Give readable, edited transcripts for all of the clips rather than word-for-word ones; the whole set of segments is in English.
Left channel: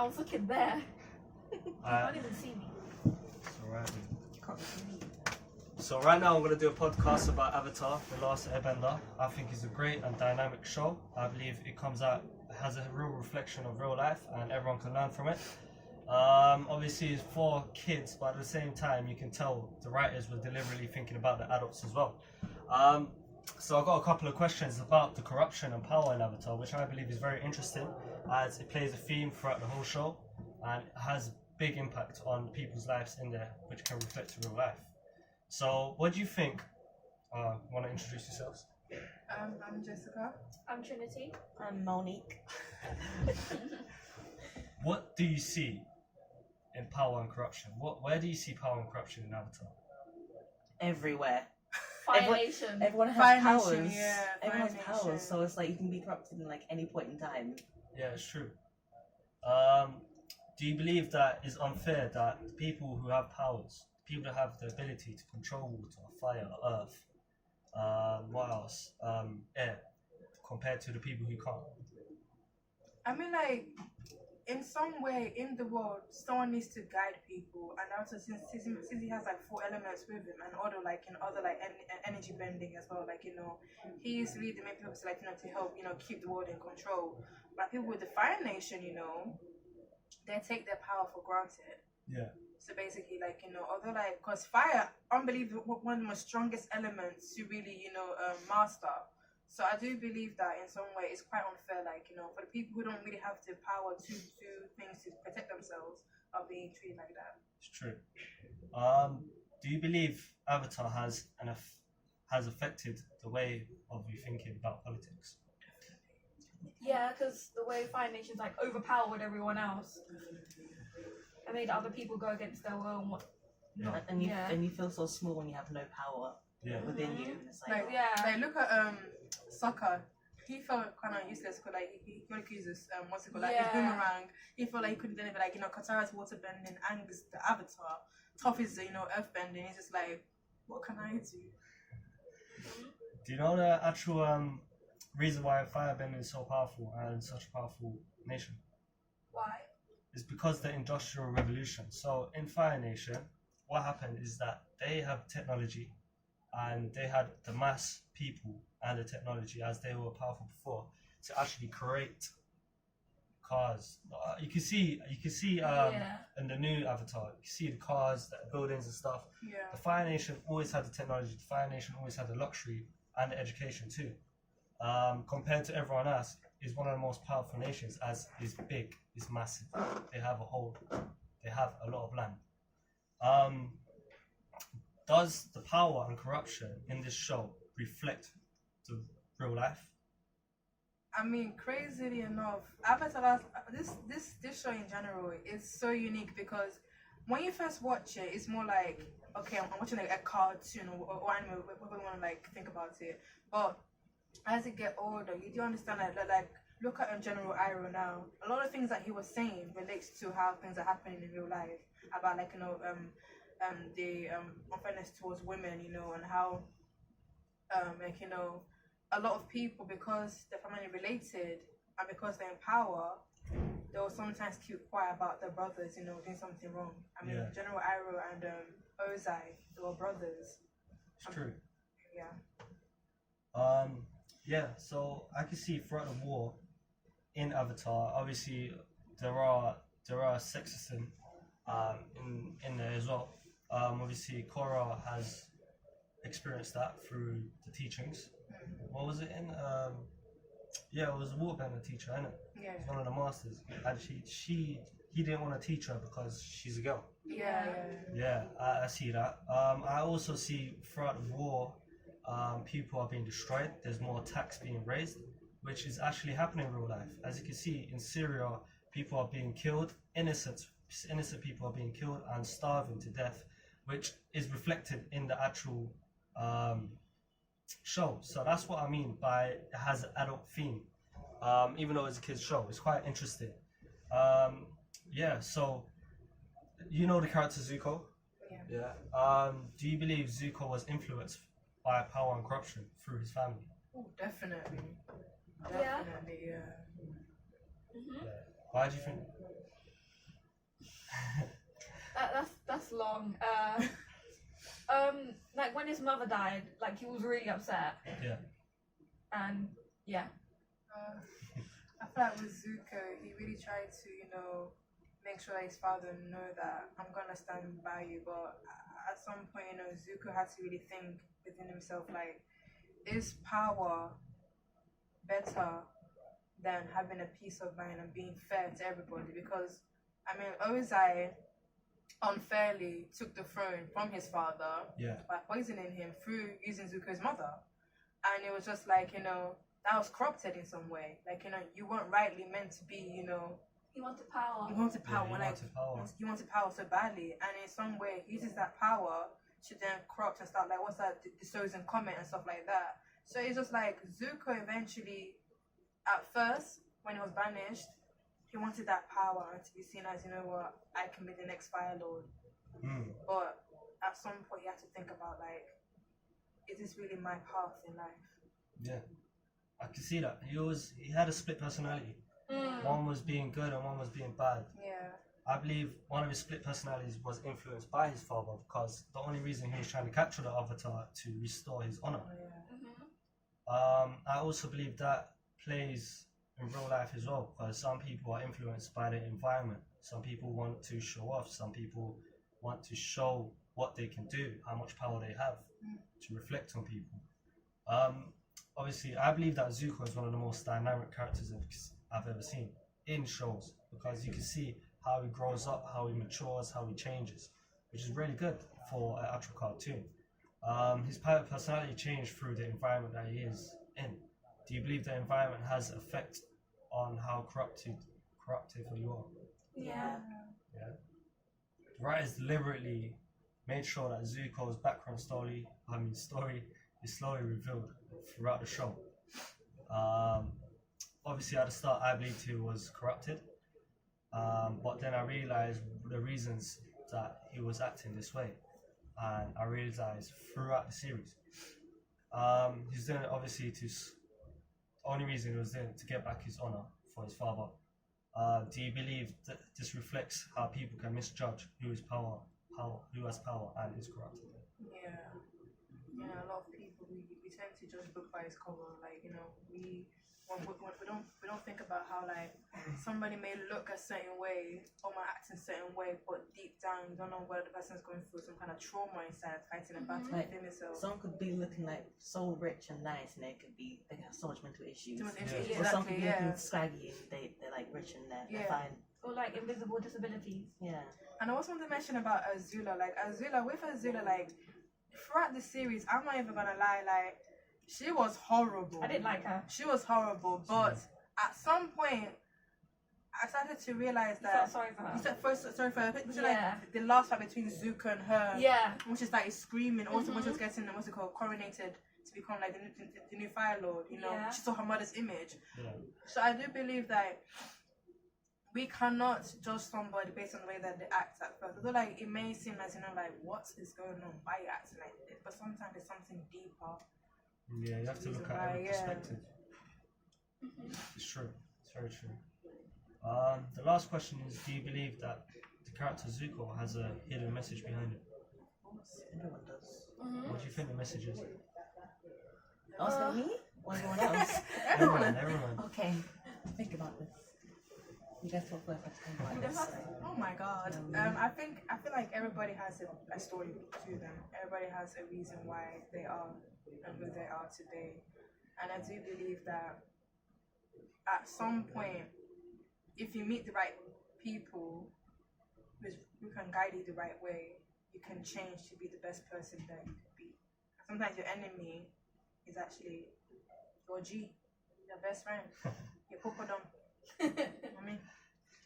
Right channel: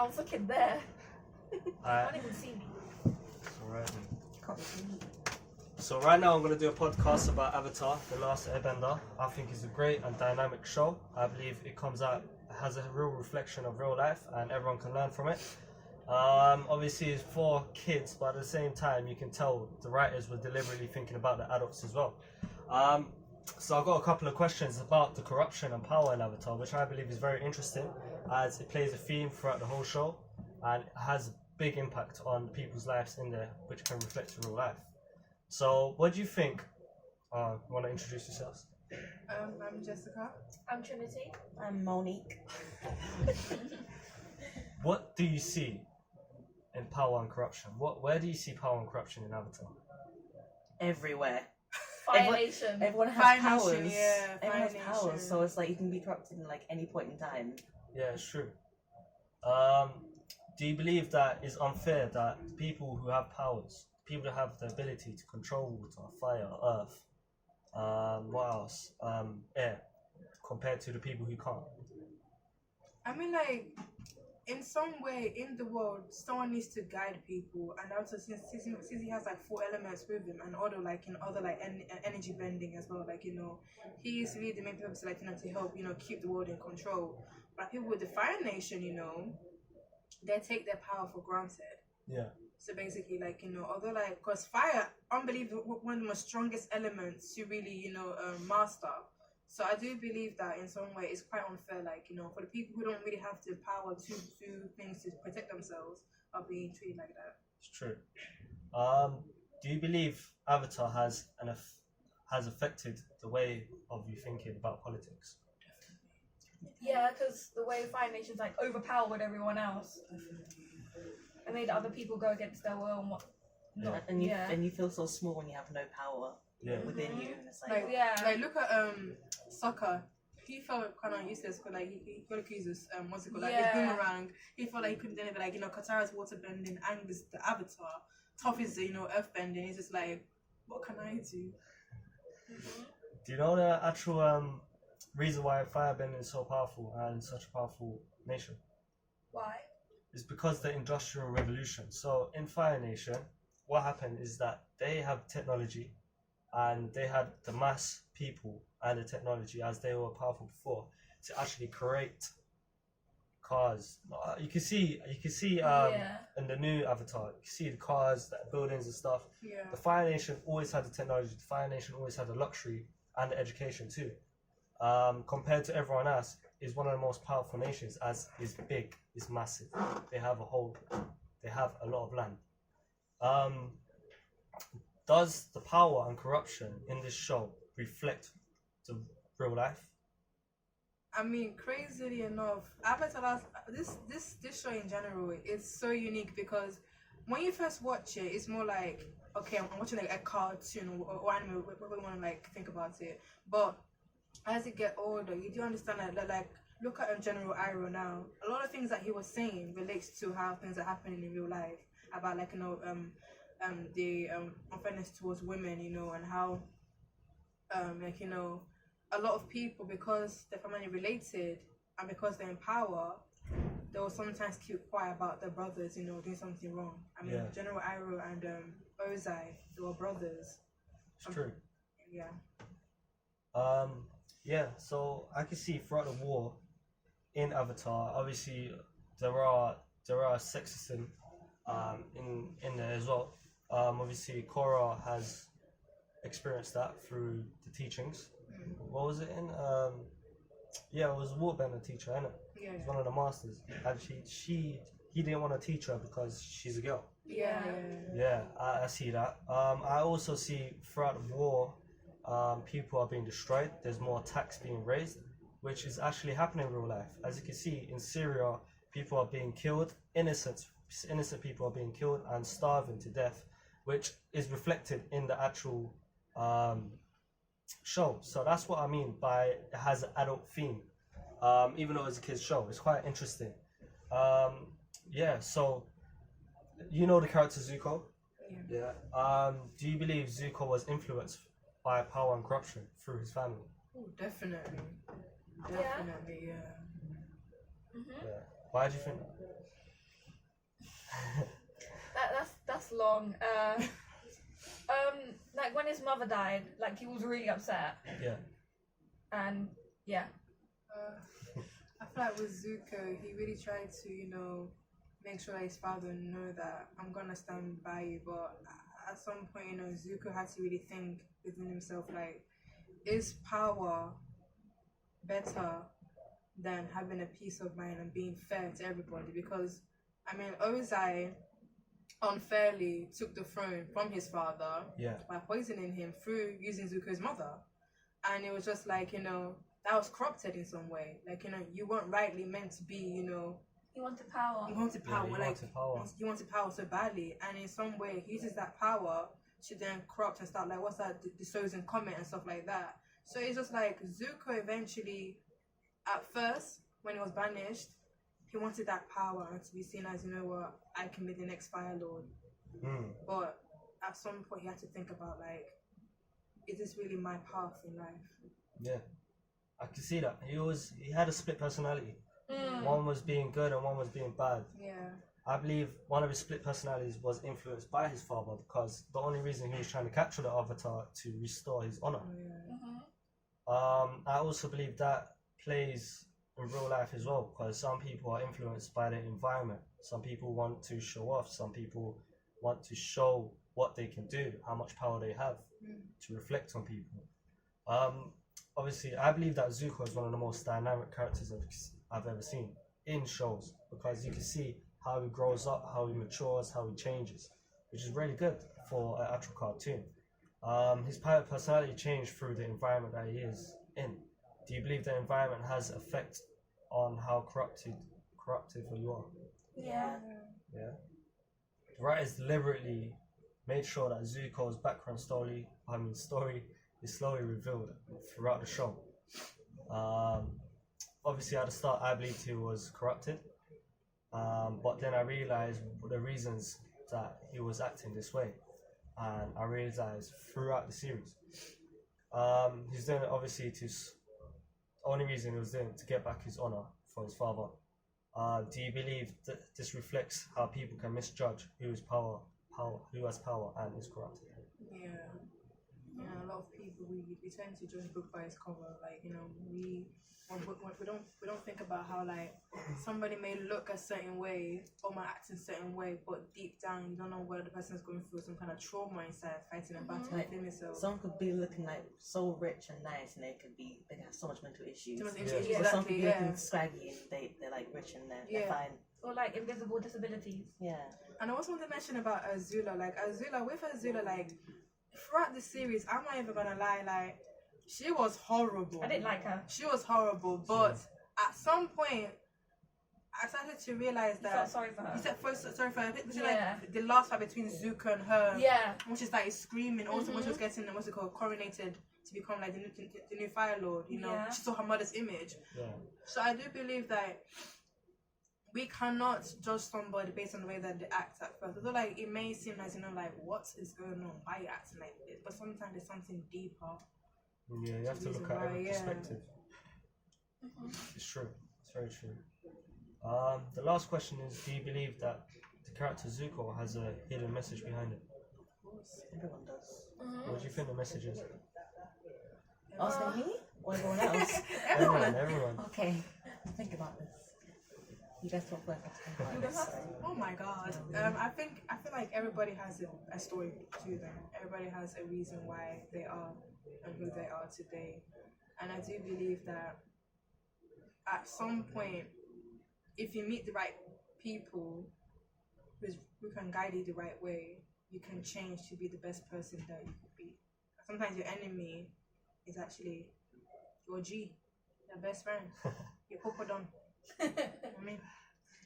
I was looking there. You Alright, can't even see me. alright. Can't see. So right now I'm going to do a podcast about Avatar, The Last Airbender. I think it's a great and dynamic show. I believe it has a real reflection of real life and everyone can learn from it. Obviously it's for kids, but at the same time you can tell the writers were deliberately thinking about the adults as well. So I've got a couple of questions about the corruption and power in Avatar, which I believe is very interesting as it plays a theme throughout the whole show and has a big impact on people's lives in there, which can reflect real life. So, what do you think? Want to introduce yourselves? I'm Jessica. I'm Trinity. I'm Monique. What do you see in power and corruption? Where do you see power and corruption in Avatar? Everywhere. Fire Nation. Everyone has Fire powers. Nation, yeah, Everyone has Fire powers, Nation. so it's like you can be corrupted in like any point in time. Yeah, it's true. Do you believe that it's unfair that people who have powers, people that have the ability to control water, fire, earth, what else? Air, compared to the people who can't? I mean, like, in some way in the world, someone needs to guide people, and also since he has like 4 elements with him, and other like in other like energy bending as well, like he is really the main purpose, like to help keep the world in control. But people with the Fire Nation, they take their power for granted. Yeah. So basically, like although like, because fire, unbelievable, one of the most strongest elements to really master. So I do believe that in some way it's quite unfair, like for the people who don't really have the power to do things to protect themselves are being treated like that. It's true. Do you believe Avatar has affected the way of you thinking about politics? Yeah, because the way Fire Nation's like overpowered everyone else. It made other people go against their will and what. Not, And you yeah. and you feel so small when you have no power Yeah. within you. And it's like, Like, Yeah. like look at soccer. He felt kind of useless because like he got accused of what's it called, like Yeah. a boomerang. He felt like he couldn't do anything. Like Katara's water bending, Angus the Avatar, Toph is the earth bending. It's just like, what can I do? Do you know the actual reason why firebending is so powerful and such a powerful nation? Why? It's because the Industrial Revolution. So in Fire Nation, what happened is that they have technology and they had the mass people and the technology as they were powerful before to actually create cars. You can see Yeah. in the new Avatar, you can see the cars, the buildings and stuff. Yeah. The Fire Nation always had the technology. The Fire Nation always had the luxury and the education too. Compared to everyone else, is one of the most powerful nations as is big, is massive. They have a lot of land. Does the power and corruption in this show reflect the real life? I mean, crazily enough, Avatar, this show in general is so unique because when you first watch it, it's more like, okay, I'm watching like a cartoon or anime, whatever you want to like think about it. But as you get older, you do understand that like look at General Iroh now. A lot of things that he was saying relates to how things are happening in real life about like the unfairness towards women, and how a lot of people, because they're family related and because they're in power, they will sometimes keep quiet about their brothers, doing something wrong. I mean, Yeah. General Iroh and Ozai, they were brothers. It's true. Yeah. Yeah, so I can see throughout the war in Avatar, obviously there are sexism in there as well. Obviously Korra has experienced that through the teachings. What was it in? Yeah, it was a waterbender teacher, innit? Yeah. It was one of the masters, and he didn't want to teach her because she's a girl. Yeah. Yeah, I see that. I also see throughout the war, people are being destroyed. There's more attacks being raised, which is actually happening in real life. As you can see in Syria, people are being killed. Innocent people are being killed and starving to death, which is reflected in the actual show. So that's what I mean by it has an adult theme. Even though it's a kids show, it's quite interesting. Yeah. So you know the character Zuko. Yeah. Yeah. Do you believe Zuko was influenced by power and corruption through his family? Oh, definitely. Yeah. Definitely, yeah. Mhm. Yeah. Why do you think that? That's long. Like when his mother died, like he was really upset, Yeah. and yeah. I feel like with Zuko, he really tried to, make sure that his father know that I'm gonna stand by you. But at some point, Zuko had to really think within himself, like, is power better than having a peace of mind and being fair to everybody? Because I mean, Ozai unfairly took the throne from his father Yeah. by poisoning him through using Zuko's mother, and it was just like that was corrupted in some way. Like you weren't rightly meant to be. He wanted power. You wanted Yeah, power, he like wanted power. you wanted power so badly, and in some way he uses that power to then corrupt and start like what's that, the Sozin comment and stuff like that. So it's just like Zuko eventually, at first when he was banished, he wanted that power and to be seen as I can be the next Fire Lord. Mm. But at some point he had to think about like, is this really my path in life? Yeah. I can see that. He had a split personality. Mm. One was being good and one was being bad. Yeah. I believe one of his split personalities was influenced by his father because the only reason he was trying to capture the Avatar to restore his honor. Oh, yeah. Mhm. I also believe that plays in real life as well because some people are influenced by the environment. Some people want to show off. Some people want to show what they can do, how much power they have to reflect on people. Obviously, I believe that Zuko is one of the most dynamic characters I've ever seen in shows because you can see how he grows up, how he matures, how he changes, which is really good for an actual cartoon. His personality changed through the environment that he is in. Do you believe the environment has effect on how corruptive you are? Yeah. Yeah. The writers deliberately made sure that Zuko's background story is slowly revealed throughout the show. Obviously, at the start, I believed he was corrupted, but then I realized the reasons that he was acting this way, and I realized throughout the series, he's doing it obviously only reason he was doing it to get back his honor for his father. Do you believe that this reflects how people can misjudge who has power and is corrupted? Yeah. A lot of people we tend to judge a book by its cover. Like we don't think about how like somebody may look a certain way or might act in a certain way, but deep down you don't know whether the person's going through some kind of trauma inside, fighting a battle within themselves. Someone could be looking like so rich and nice, and they have so much mental issues. Yeah. Or some could Exactly. be Yeah. looking scraggy and they're like rich and they're fine. Or like invisible disabilities. Yeah. And I also want to mention about Azula. Like Azula, like throughout the series, I'm not even gonna lie, like she was horrible. I didn't like her. She was horrible, but at some point, I started to realize I that. felt sorry for her. You said first, sorry for her. Yeah. Like the last fight between Zuko and her. Yeah. When she started screaming, also when she was getting coronated to become like the new Fire Lord. Yeah. She saw her mother's image. Yeah. So I do believe that we cannot judge somebody based on the way that they act at first. Although like it may seem as like what is going on, why are you acting like this? But sometimes there's something deeper. Yeah, you have to look at every Yeah. perspective. It's true. It's very true. The last question is: do you believe that the character Zuko has a hidden message behind it? Of course, everyone does. What do you think the message is? Asking me or everyone else? Everyone. Okay, think about this. You guys talk about think about this. Oh my god. I feel like everybody has a story to them. Everybody has a reason why they are and who they are today. And I do believe that at some point, if you meet the right people who can guide you the right way, you can change to be the best person that you could be. Sometimes your enemy is actually your G, your best friend, your Pokodom. I mean,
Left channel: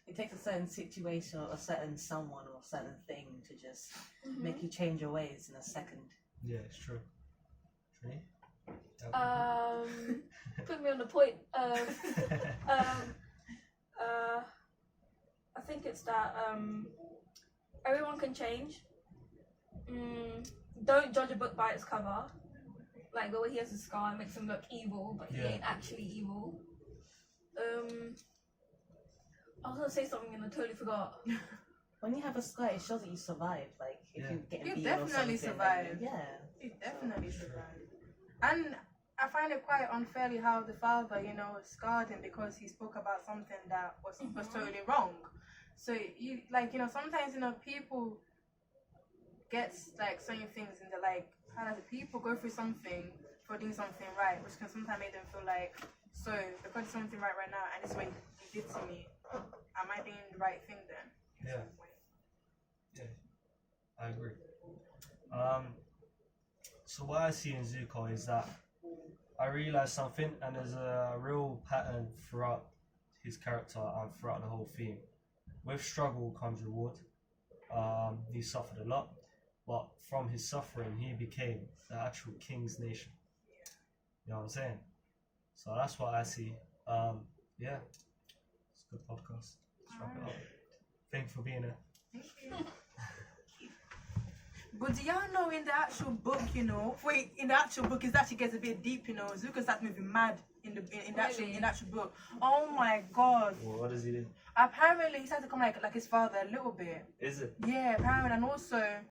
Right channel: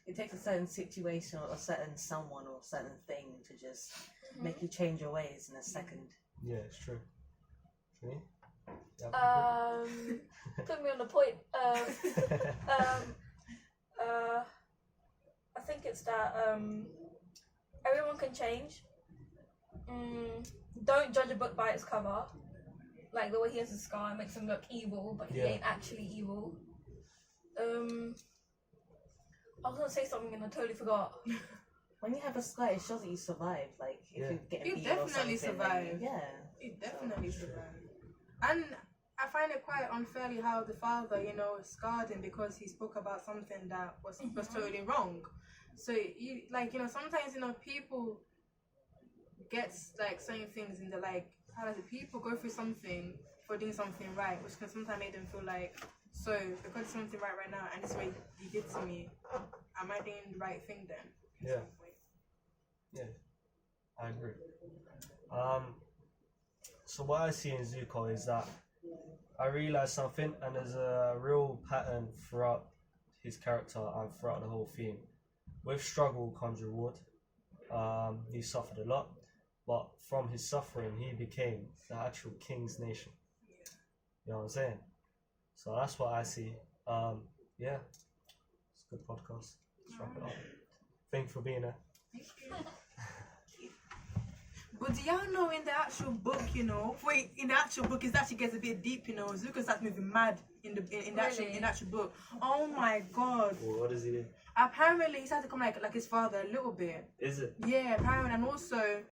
It takes a certain situation or a certain someone or a certain thing to just make you change your ways in a second. Yeah, it's true. Trini? Put me on the point. I think it's that everyone can change. Don't judge a book by its cover. Like the way he has a scar, it makes him look evil, but he Yeah. ain't actually evil. I was gonna say something and I totally forgot. when you have a scar, it shows that you survived. Like if Yeah. you're getting You beaten or definitely something, survived. Yeah. It definitely survived. And I find it quite unfairly how the father, scarred him because he spoke about something that was totally wrong. So you sometimes people get like certain things in the like how does it people go through something for doing something right, which can sometimes make them feel like so because it's something right now and it's what you did to me, am I doing the right thing then? In Yeah. some way? Yeah, I agree. So what I see in Zuko is that I realize something, and there's a real pattern throughout his character and throughout the whole theme. With struggle comes reward. He suffered a lot, but from his suffering, he became the actual king's nation. You know what I'm saying? So that's what I see. Yeah, it's a good podcast. Let's wrap it up. Thank you for being here. Thank you. But do y'all know in the actual book, in the actual book, it actually gets a bit deep, Zuko starts moving mad in the actual book. Oh my god. Well, what does he do? Apparently he started to come like his father a little bit. Is it? Yeah, apparently, and also